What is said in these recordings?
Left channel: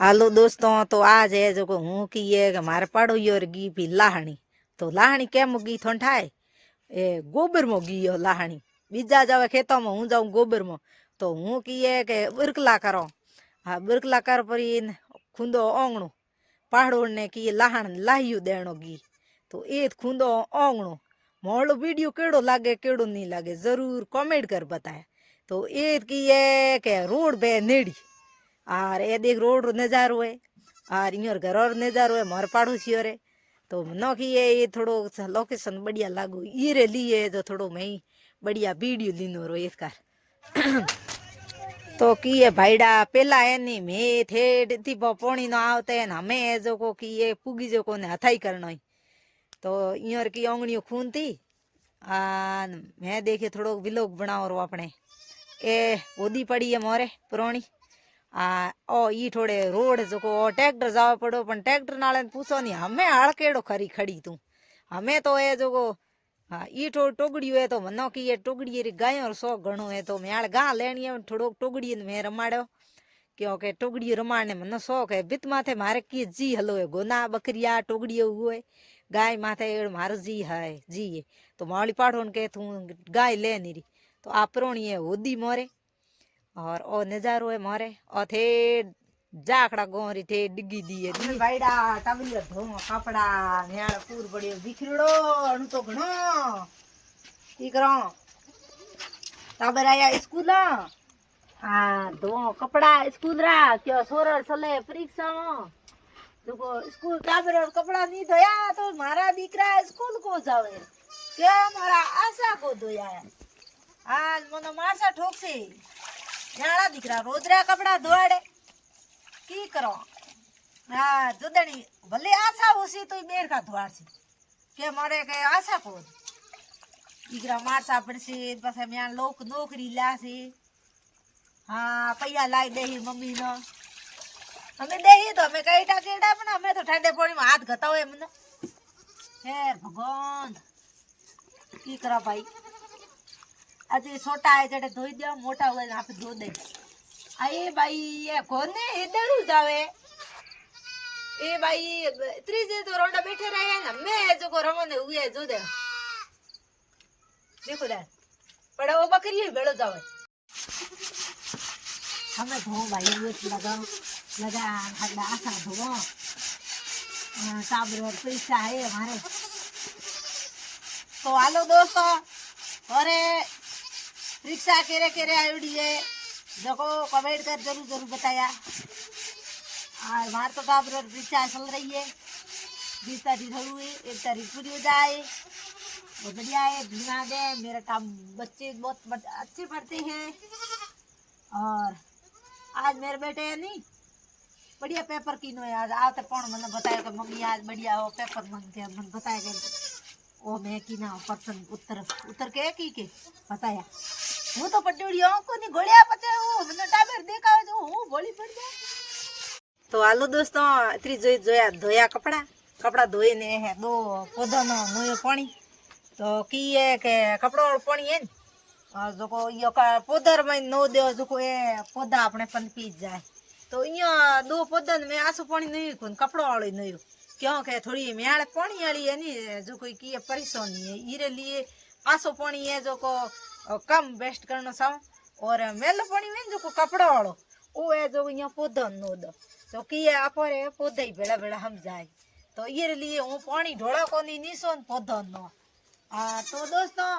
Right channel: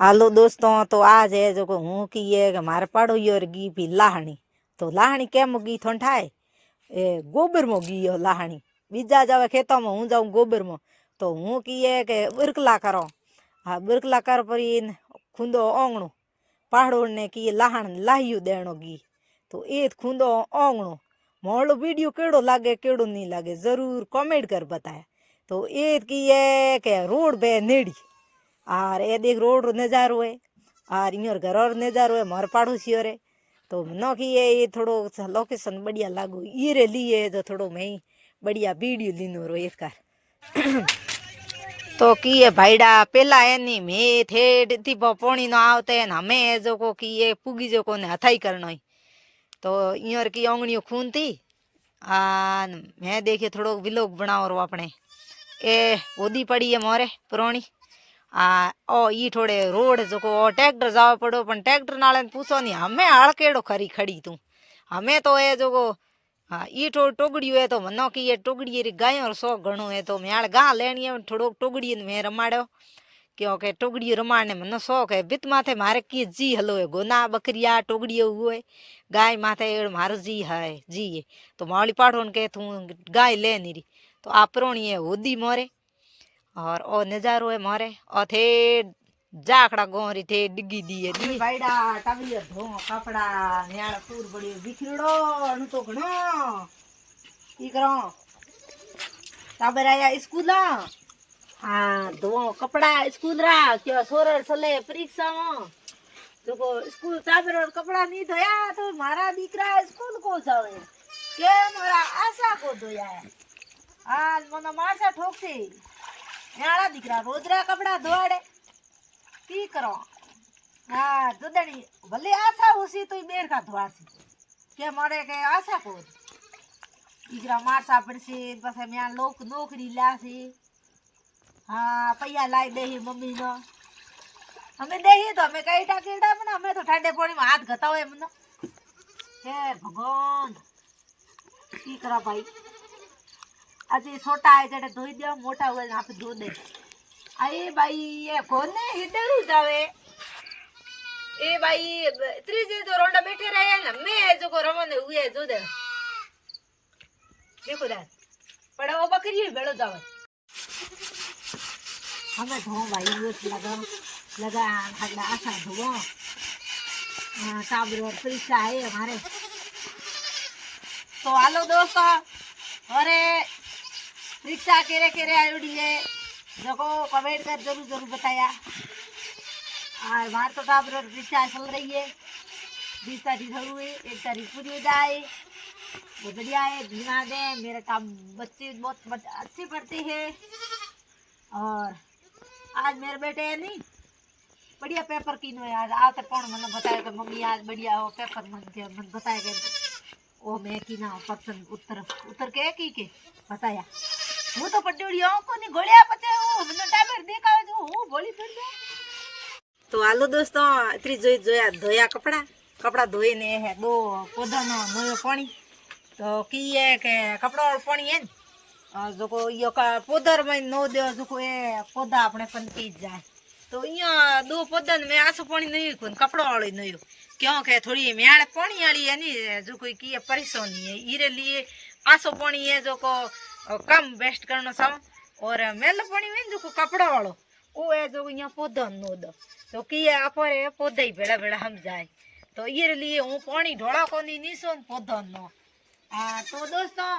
हालो दोस्तों, तो आज है जो हूँ की ये कि मारे पड़ोई और गी भी लाहणी। तो लाहणी केम गी थोन ठाए ए गोबर में गी यो लाहणी। बीजा जावे खेतों में, हूँ जाऊँ गोबर में। तो हूँ की ये के बिरकला करो। हाँ, बिरकला कर पर खुंदो ओंगणो पहाड़ो ने की लाहण लाहियो देनो गी। तो ए खुंदो ओंगणो मोहलो वीडियो केड़ो लागे केड़ो नहीं लागे जरूर कमेंट कर बताए। तो ए की ये के रोड पे नेड़ी और ये देख रोड रो नजारो है और इन घर और नजारो है मार पड़ोसी रे। तो न कि ये थोड़ो लोकेशन बढ़िया लागू ये लिए जो थोड़ो मैं बढ़िया वीडियो लीनो रो एक कार। तो की ये भाईडा पेला एनी में थे थी पोणी न आवते न हमें जो को की ये पुगी जो को ने हथाई करनो। तो इयर की ओंगणियों खून थी आ मैं देखे थोड़ो विलोग बनाओ रो अपने ए ओदी पड़ी है मोरे पुरानी ओ ई थोड़े रोड जो को ट्रैक्टर जावा पड़ो पण ट्रैक्टर नाले पूछो नहीं हमें हाल केड़ो खरी खड़ी तू हमें तो ये जो को हाँ ई टोगड़ी है तो मनो की ये टोगड़ी री गायों सो घणो है। तो मैं गा लेनी है थोड़ो टोगड़ी में रमाड़ो क्योंकि टोगड़ी रमाड़ने मनो शौक है। बित माथे मारे की जी हलो है गोना बकरिया टोगड़ी हुए गाय माथे मारो जी है जी है। तो मावली पाठो के तू गाय ले नहीं रही तो आपरोणी है होदी मोरे और ओ नजारो है मारे ओ थे जाखड़ा गोरी थे डिगी दिए दी भाईडा टबलिया धो कपड़ा नेड़ पूर बड़ी बिखरड़ो अनु तो घणो की करो टाबर आया स्कूल हाँ धो कपड़ा स्कूल रा क्यों सोरर सले परीक्षा में जो को स्कूल टाबर और कपड़ा नहीं धोया तो मारा दीकरा स्कूल को जावे के मारा आशा को धोया आज मनो मारसा ठोक से याड़ा दीकरा रोजरा कपड़ा धोड़े की करो हाँ जुदड़ी भले आशा उसी तो बेर का धोड़ सी के मारे के आशा को दीकरा मारसा पड़सी बस मैं लोग नौकरी लासी हाँ पैया लाई दे मम्मी नो हमें दे तो हमें कई टाकेड़ा पण हमें तो ठंडे पानी में हाथ घता हुए मन हे भगवान की करा भाई अजी छोटा है जड़े धोई दियो मोटा हुआ यहाँ पे धो दे आए भाई ये कौन है इधर जावे ए भाई त्रीजे तो रोंडा बैठे रहे ना मैं जो को रमन हुए जो दे देखो दे पड़े वो बकरी है बेड़ो जावे हमें धो भाई ये लगा हगड़ा आशा धो साबर परीक्षा है हमारे। तो हेलो दोस्तों और परीक्षा केरे केरे आयोडी है जो को कमेंट कर जरूर जरूर बताया और बाहर तो टाबर परीक्षा चल रही है 20 तारीख हुई 1 तारीख पूरी हो जाए बहुत बढ़िया है धीमा दे मेरे टाप बच्चे बहुत अच्छे पढ़ते हैं और आज मेरे बेटे है नहीं बढ़िया पेपर किनो है आज आते कौन मतलब बताया कि मम्मी आज बढ़िया वो पेपर मन बताया कि ओ मैं की ना पर्सन उत्तर उत्तर के बताया वो तो पट्टी को नहीं घोड़िया पचे वो મને ટાઈમર દેખાવે જો હું ભોળી પડી જાય। તો હાલો દોસ્તો इतरी જોયા ધોયા કપડા ધોઈને હે દો પોદાનો નોયો પાણી તો की है के कपड़ा और पानी है जो को यो का पोदर में नो दे जो को ए पौधा अपने पनकी जाए। तो इया दो पौधन में आसो पानी नहीं कोन कपड़ा वाली नहीं क्योंकि थोड़ी म्याड़ पानी वाली है नी जो कोई की परेशानी है इरे लिए आसो पानी है जो को कम वेस्ट करना सा और मेल पानी में जो को कपड़ा वालो वो है जो यहाँ पौधा नो दो तो की अपरे पौधे ही बेड़ा बेड़ा हम जाए। तो ये लिए हूँ पानी ढोड़ा को नहीं सोन पौधा नो तो दोस्तों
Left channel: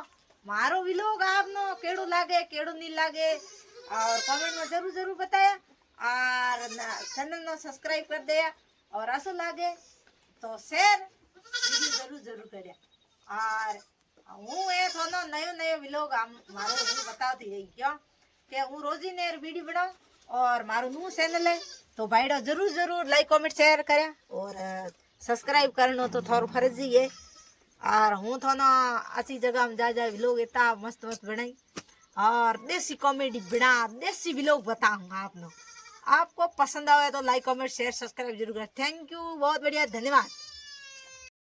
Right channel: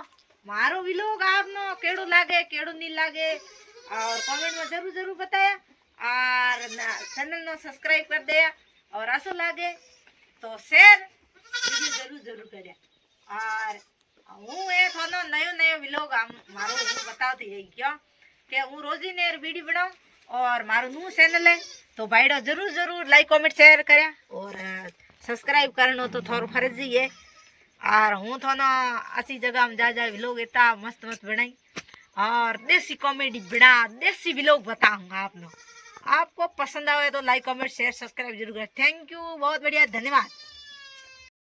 मारो व्लॉग आपनो केड़ो लागे केड़ो नहीं लागे और कमेंट में जरूर जरूर बताया और चैनल नो सब्सक्राइब कर दिया और आसो लागे तो शेयर जरूर जरूर करिया और हूँ ए थोनो नयो नयो व्लॉग मारो हूँ बताती है क्यों कि हूँ रोजी ने वीडियो बनाऊं और मारो नू चैनल है तो भाईडो जरूर जरूर लाइक कमेंट शेयर करें और सब्सक्राइब करनो तो थोड़ा फर्जी है और हूँ थोनो अच्छी जगह में जा व्लॉग इतना मस्त मस्त बनाई और देसी कॉमेडी बना देसी व्लॉग बताऊंगा आपको आपको पसंद आवे तो लाइक कमेंट शेयर सब्सक्राइब जरूर करें। थैंक यू बहुत बढ़िया धन्यवाद।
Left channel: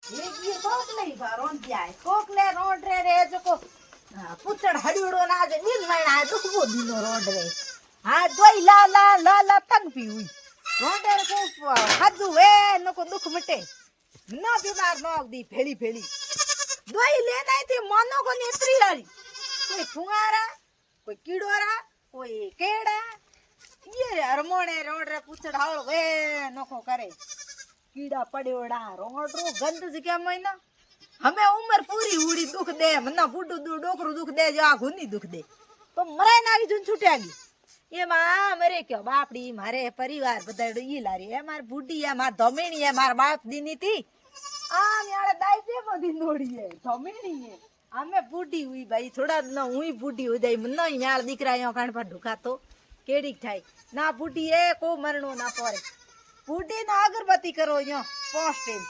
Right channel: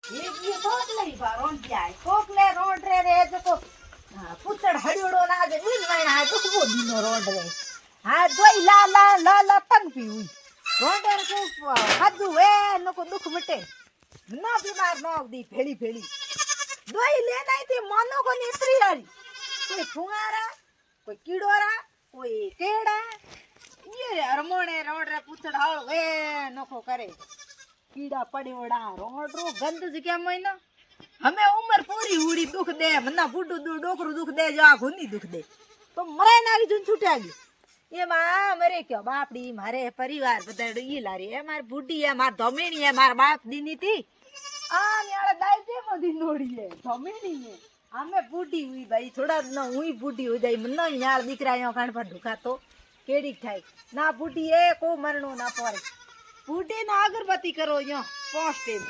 ये कोकले बारोन दिया है कोकले रोड रे जो को पुचड़ हड़ियोड़ो ना जे नील वाइना जो को दिनो रोड रे हाँ दोई ला ला ला ला तन पी हुई રોંડર કો ખાધું વે નકો દુખ મટે ન બીમાર ન દી ભેળી ભેળી દોઈ લે નાઈ તે મનો કો નેત્રી આરી કોઈ ફુંગારા કોઈ કીડોરા કોઈ કેડા યે હરમોણે રોંડરે પૂછડ હાળ વે નકો કરે કીડા પડ્યોડા રોંડરો ગંદ જ કેમ હોય ને હમે ઉંમર પૂરી ઉડી દુખ દે મના બુડું ડોકરું દુખ દે જો આ ગુંદી દુખ દે તો મરાઈ ના આવી જોઈને છૂટ્યા ગઈ એમાં મરે કયો બાપડી મારે પરિવાર બધા ઈ લારી એ માર બુડી એ માર ધમેણી એ માર બાપ દીની તી આ ન્યાળે દાઈ તે બધી નોડી એ ધમેણી એ આમે બુડી હુઈ ભાઈ થોડા ન હુઈ બુડી હુઈ જાય મને ન્યાળ દીકરા યો કાણ પર ઢુકાતો કેડી થાય ના બુડી એ કો મરણો ના પડે બુડી ના અગરબત્તી કરો યો 5 ટેમ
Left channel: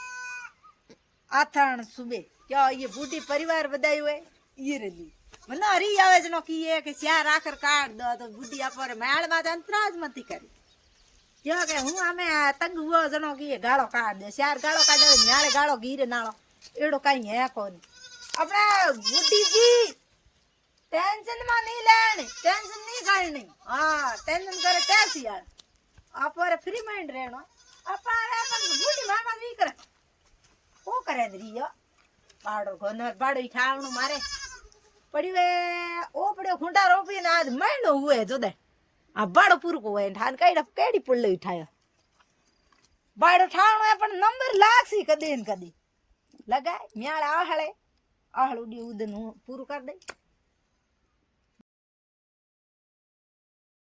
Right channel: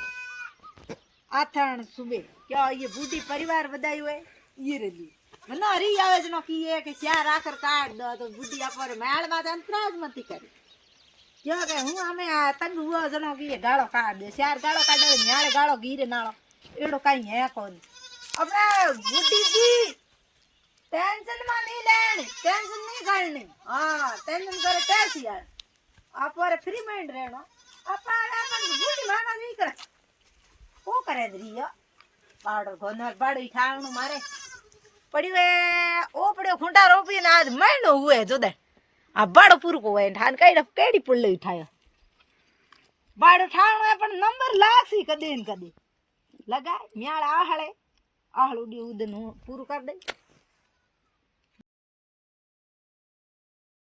આથણ સુબે ક્યાં ये बूढ़ी परिवार बधाई हुए ये रली મને હરી આવે છે નો કીએ કે ચાર આખર કાઢ દો તો બુઢી આપરે મેળ માં અંતરાજ મતી કરી ક્યાં કે હું આમે તંગ હુઓ જનો કીએ ગાળો કાઢ દે ચાર ગાળો કાઢે ન્યાળે ગાળો ગીરે નાળો એડો કઈ હે કોન આપણે બુઢીજી ટેન્શન માં નહીં લેણી ટેન્શન નહીં કાઢણી હા ટેન્શન કરે કેસી યાર આપરે ફ્રી માઇન્ડ રહેણો આપણ બુઢી મામા નહીં કરે કો કરે દરિયો બાડો ગોનર બાડો ખાવણું મારે પડ્યું એ ઓ પડ્યો ખૂંટા રોપીને આજ મહિનો હુએ જોદે આ બાડો પૂરું કો હોય ઠાન કઈ કેડી પુલ્લે ઉઠાયો બાડો ઠાણો પણ નંબર લાગસી કદી ને કદી લગાય ન્યાળ આહળે આહળ ઉડી ઉદન પૂરું કરી દે